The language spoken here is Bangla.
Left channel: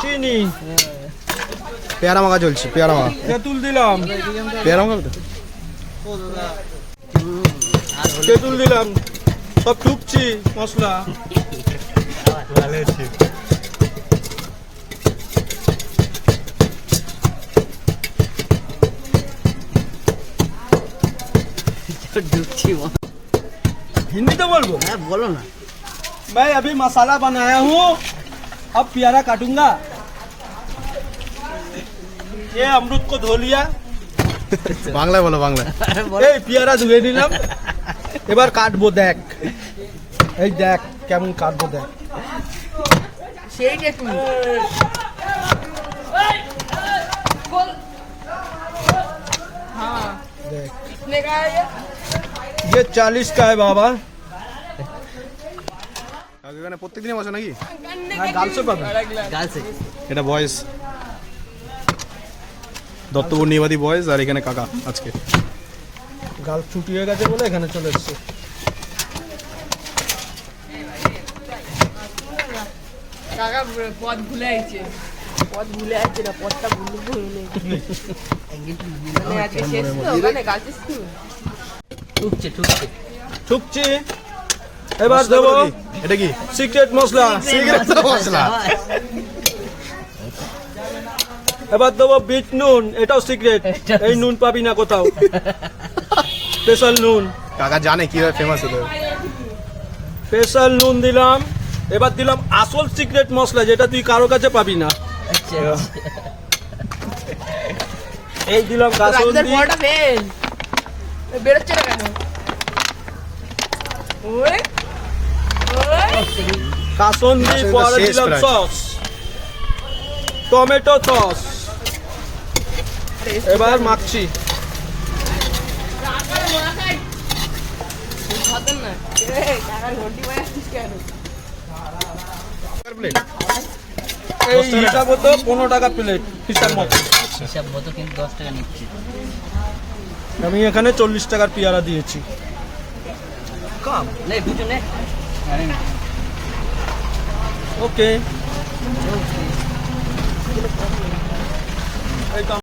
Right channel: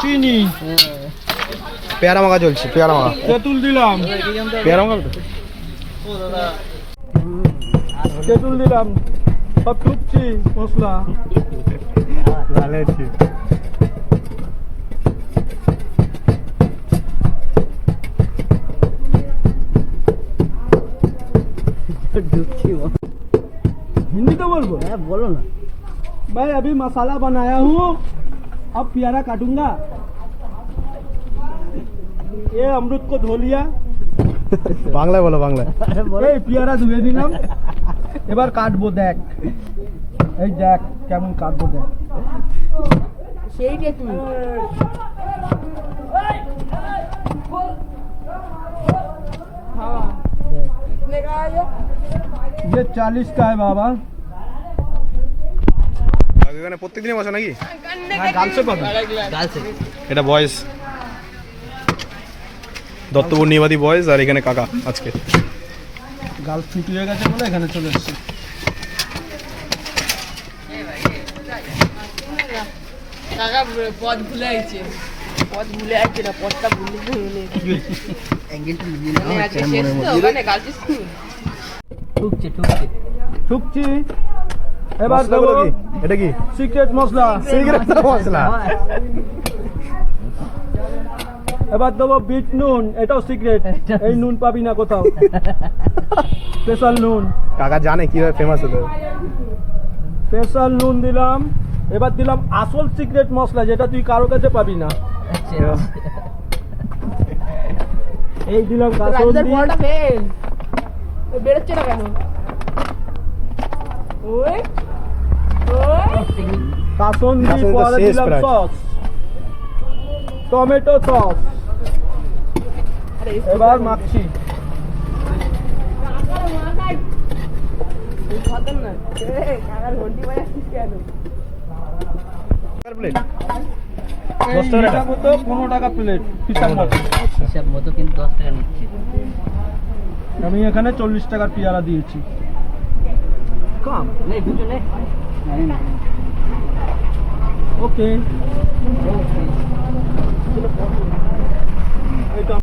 চিনি পেয়ারা মাখা চলছে, পেয়ারা মাখা। তেঁতুল দিলাম, পেয়ারা মাখা তো তেঁতুল দিলাম, সব টুকছি মশলা। ভালো আছে। हिंदी तो बोल बोलो ना। मैं अभी मसाला बनाया हूँ, अब प्यारा काटूंगा। ये अमरूद को धो लिया, বাংলায় বলো, বাংলায়। এই পেয়ারা ধুয়ে নিলাম, এবার কাটবো। দেখ এই দেখ কেমন কাটবো, দেখ। সেইটা তুমি हाँ देख। कितने का है ये 40 का है बाबा। এখানে প্রত্যেকদিনই বসে নাকি? हाँ, गाल से पाबा। गाल से এটা বয়েজ, দত্তপূর্ণিবাদী বয়েজ, আর এখানে কাকা আজকে। গাল ফুটিয়ে গেছে বলে এখানে চলে এসেছে। কাকা পথ ভুলে আইছে, পথ ভুলে আইছে না, পথটা ভুলে ভুলে মানে আজকে শেষ তো ওখানে গালছিস তুই ঠুকছে ঠুকছে ঠুকছি। এবার মশলা দেবো গুলো কি? এটা কি? সিক্রেট মশলা। সিগারেট মশলা। এবার দেবো বিট নুন, এটাও সিক্রেট, এই নুন পাবি না কোথাও, স্পেশাল নুন। কাকা জানে কিভাবে ফেমাস হতে হবে। স্পেশাল নুন দিলাম। এবার দিলাম আসল সিক্রেট মশলা, যেটা তুই কারো কাছে পাবি না। এই দিলাম কাসুন্দি। বড়টা ফেল বেরোচ্ছে না কেন? ওই ওই কাসুন্দি, কাসুন্দি তো পরে শেষ দিলাম প্রায়। Sauce, tomato sauce. এবার মাখছি। খাতেন না কাকার ঘন্টি মারছিস কেন? প্লেট এই 10 টাকা। হিসাব হতো 15 টাকা প্লেট হিসাব মতো। হিসাব মতো কিন্তু 10 টাকা নিচ্ছি। আমি এখানে 40 টাকার পেয়ারা দিয়েছি। কাম নে দুটো নে ওকে। এই তো